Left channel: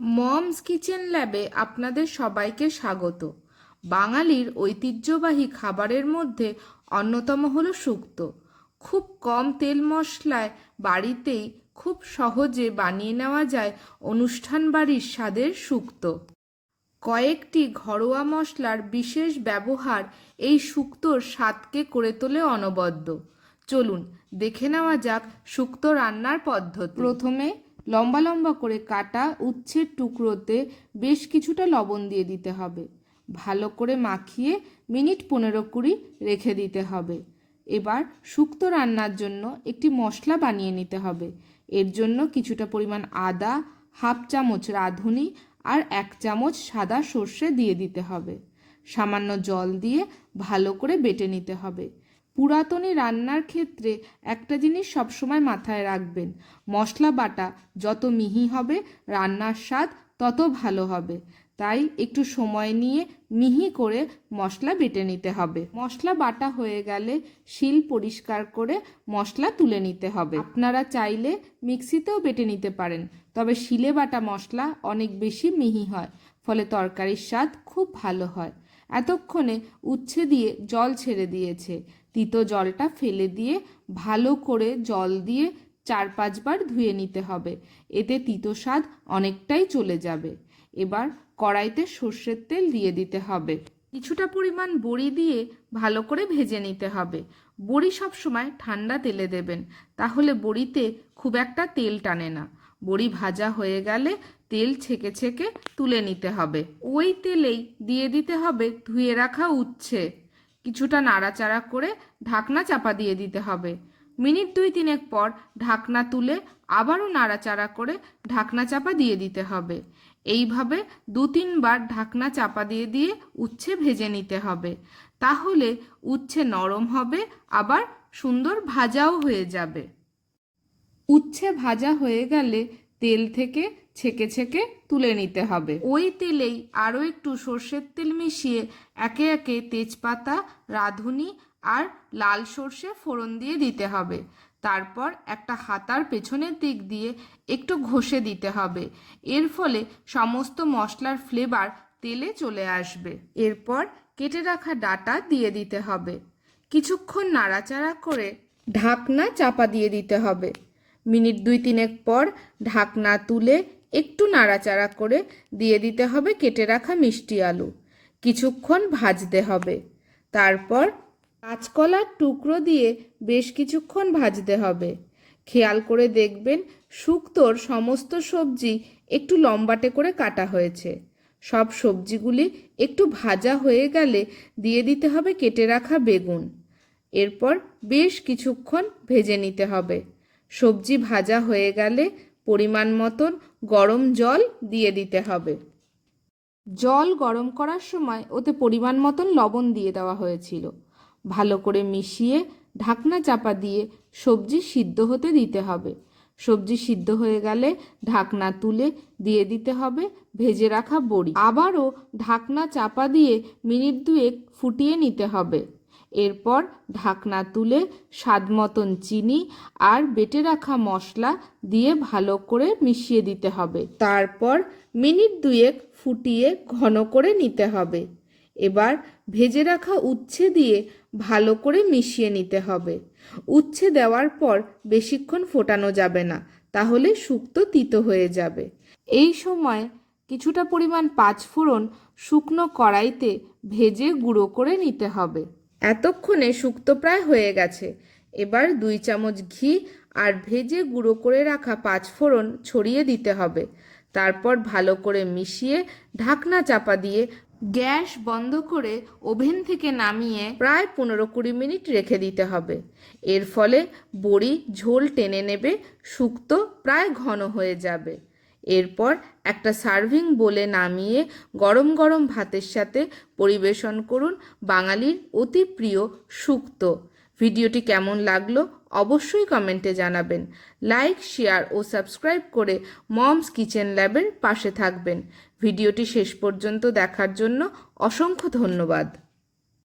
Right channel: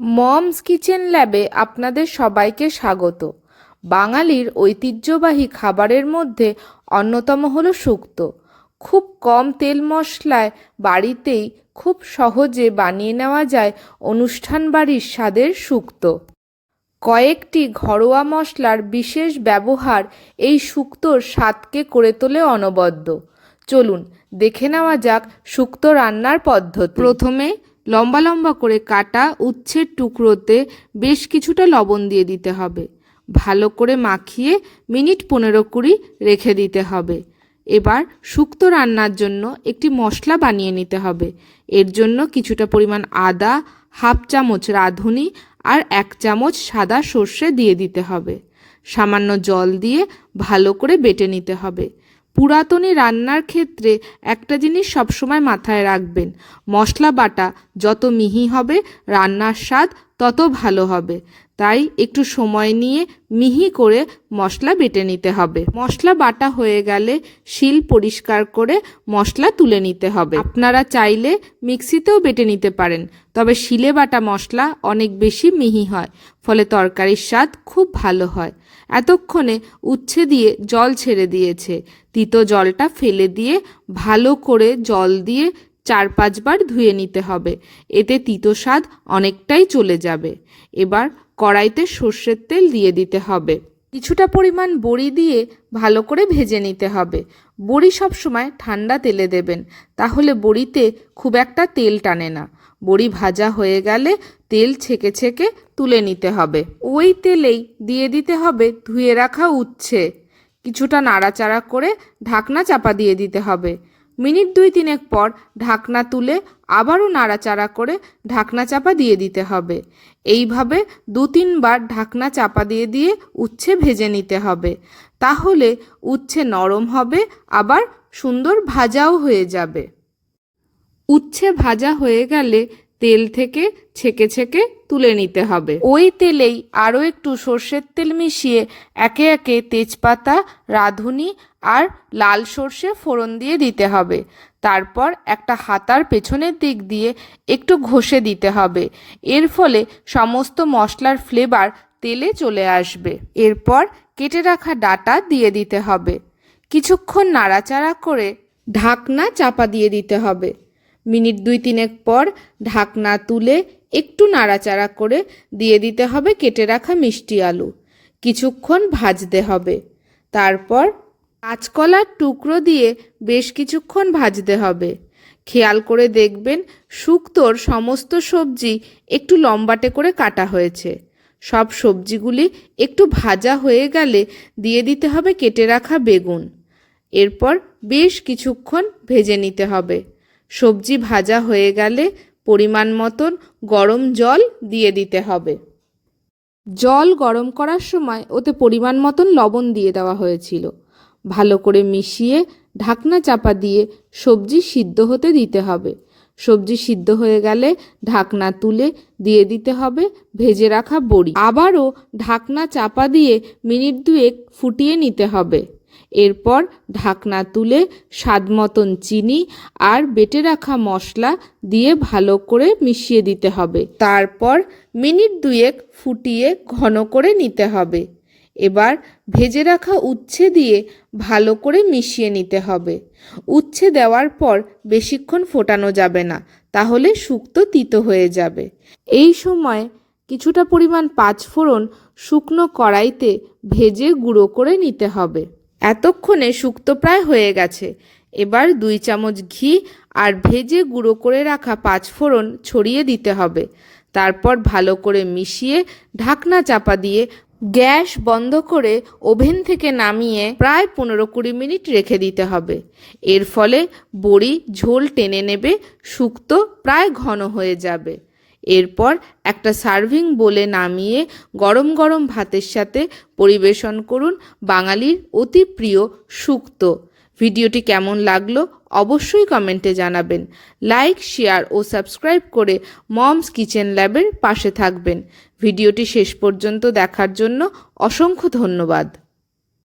Moms kitchen ল্যাবে আপনাদের সবাইকে স্বাগত। বাঙালির ঐতিহ্যবাহী খাবারের মধ্যে অন্যতম হলো শুক্তো। খুব কম তেল মশলায় বাড়িতেই খুব সহজে বানিয়ে নেওয়া যায় অনুষ্ঠান বাড়ির স্বাদের শুক্তো। কয়েকটি ঘরোয়া মশলার বিশেষ ব্যবহার এই শুক্তোর স্বাদকে করে তোলে অনবদ্য। চলুন, দেখে নেওয়া যাক শুক্তো রান্নার পদ্ধতি। প্রথমে লম্বা লম্বা করে কাটা উচ্ছের টুকরোতে বেশ কিছুটা লবণ দিয়ে দিতে হবে। ভালো করে মাখিয়ে মিনিট পনেরো কুড়ি রেখে দিতে হবে। এবার শুক্তো রান্নার জন্য একটি মশলা বানিয়ে নিতে হবে। এর জন্য কিছুটা পরিমাণ আদা, হাফ চামচ রাঁধুনি আর এক চামচ সাদা সর্ষে দিয়ে দিতে হবে। সামান্য জল দিয়ে ভালো করে বেটে নিতে হবে। পুরাতনী রান্নার ক্ষেত্রে একটা জিনিস সবসময় মাথায় রাখবেন। মশলা বাটা যত মিহি হবে, রান্নার স্বাদ তত ভালো হবে। তাই একটু সময় নিয়ে মিহি করে মশলা বেটে নিতে হবে। মশলা বাটা হয়ে গেলে শিল পরিষ্কার করে মশলা তুলে নিতে হবে। আপনারা চাইলে মিক্সিতেও বেটে নিতে পারেন, তবে শিলে বাটা মশলা অনেক বেশি মিহি হয়, ফলে তরকারির স্বাদ খুব ভালো হয়। এতক্ষণে উচ্ছে দিয়ে জল ছেড়ে দিয়েছে। তিতো জলটা ফেলে দিয়ে ভালো করে জল দিয়ে চার পাঁচবার ধুয়ে নিতে হবে। এতে তিতো স্বাদ অনেকটাই চলে যাবে। এবার কড়াইতে সর্ষের তেল দিয়ে দিতে হবে। কিছুটা পরিমাণ বড়ি দিয়ে ভালো করে ভেজে নিতে হবে। বড়ি সবসময় ঠান্ডা তেলে দেবেন, তাহলে বড়িতে খুব একটা তেল টানে না। বড়ি ভাজা হয়ে গেলে তেল ছেঁকে ছেঁকে তুলে নিতে হবে। ওই তেলেই দিয়ে দিতে হবে ধুয়ে রাখা উচ্ছে। কিছুটা নাড়াচাড়া করে ঢাকনা চাপা দিয়ে দিতে হবে। মিনিট দুই তিনেক পর ঢাকনা তুলে আবারও নাড়াচাড়া করে ঢাকনা চাপা দিয়ে দিতে হবে। এইভাবে দু তিনবার ঢাকনা চাপা দিয়ে দিয়ে উচ্ছে ভেজে নিতে হবে। তাহলে উচ্ছে নরম হবে, আবার সুন্দর ভাজাও হয়ে যাবে। উচ্ছে ভাজা হয়ে গেলে তেল থেকে ছেঁকে ছেঁকে তুলে নিতে হবে। ওই তেলেই আরও একটু সর্ষের তেল মিশিয়ে একে একে তেজপাতা, রাঁধুনি আর লাল সর্ষে ফোড়ন দিয়ে দিতে হবে। তারপর একটা হাতার পেছনের দিক দিয়ে একটু ঘষে দিতে হবে। এর ফলে সমস্ত মশলার ফ্লেভার তেলে চলে আসবে। এরপর কেটে রাখা ডাটা দিয়ে দিতে হবে। কিছুক্ষণ নাড়াচাড়া করে ঢাকনা চাপা দিয়ে দিতে হবে। মিনিট দুই তিনেক পর ঢাকনা তুলে একটু নাড়াচাড়া করে দিয়ে দিতে হবে কেটে রাখা মিষ্টি আলু। কিছুক্ষণ ভাজতে হবে। তারপর কাঁচকলার টুকরো দিয়ে বেশ কিছুক্ষণ ভাজতে হবে। খেয়াল করে দেখবেন শুক্তোর সমস্ত সবজি একটু লম্বাটে করে কাটা হয়েছে। সব সবজিগুলি একটু ভাজা হয়ে গেলে দিয়ে দিতে হবে কেটে রাখা বেগুন। এরপর বেশ কিছুক্ষণ ভেজে নিতে হবে। সবজি ভাজা হয়ে গেলে পরিমাণ মতন গরম জল দিয়ে দিতে হবে। জল গরম করার সময় ওতে পরিমাণ মতন লবণ দিয়ে দেওয়া হয়েছিল। ভালো করে মিশিয়ে ঢাকনা চাপা দিয়ে সবজি সিদ্ধ হতে দিতে হবে। সবজি সিদ্ধ হয়ে গেলে ঢাকনা তুলে দিয়ে দিতে হবে ভেজে রাখা বড়ি। আবারও ঢাকনা চাপা দিয়ে মিনিট দুয়েক ফুটিয়ে নিতে হবে। এরপর ঢাকনা তুলে স্বাদ মতন চিনি আর বেটে রাখা মশলা দিয়ে ভালো করে মিশিয়ে দিতে হবে। তারপর মিনিট দুয়েক ফুটিয়ে ঘন করে নিতে হবে। এবার ভেজে রাখা উচ্ছে দিয়ে ভালো করে মিশিয়ে নিতে হবে। উচ্ছে দেওয়ার পর বেশিক্ষণ ফোটানো যাবে না, তাহলে শুক্তো তিতো হয়ে যাবে। এই সময় কিছুটা পরিমাণ পাঁচফোড়ন শুকনো কড়াইতে ভেজে গুঁড়ো করে নিতে হবে। এতক্ষণে শুক্তো প্রায় হয়ে গেছে। এবার দুই চামচ ঘি আর ভেজে গুঁড়ো করে রাখা পাঁচফোড়ন ছড়িয়ে দিতে হবে। তারপর ভালো করে মিশিয়ে ঢাকনা চাপা দিয়ে গ্যাস বন্ধ করে ওভেন থেকে নামিয়ে প্রায় পনেরো কুড়ি মিনিট রেখে দিতে হবে। এর ফলে বড়ি ঝোল টেনে নেবে, শুক্তো প্রায় ঘন হয়ে যাবে। এরপর একটা সার্ভিং বলে নামিয়ে গরম গরম ভাতের সাথে পরিবেশন করুন বাঙালির অতি প্রিয় সুক্ত ভিডিওটি কেমন লাগল অবশ্যই কমেন্টে জানাবেন। লাইক, শেয়ার ও সাবস্ক্রাইব করে মমস কিচেন ল্যাবের পাশে থাকবেন। ভিডিওটি শেষ পর্যন্ত দেখার জন্য অসংখ্য ধন্যবাদ।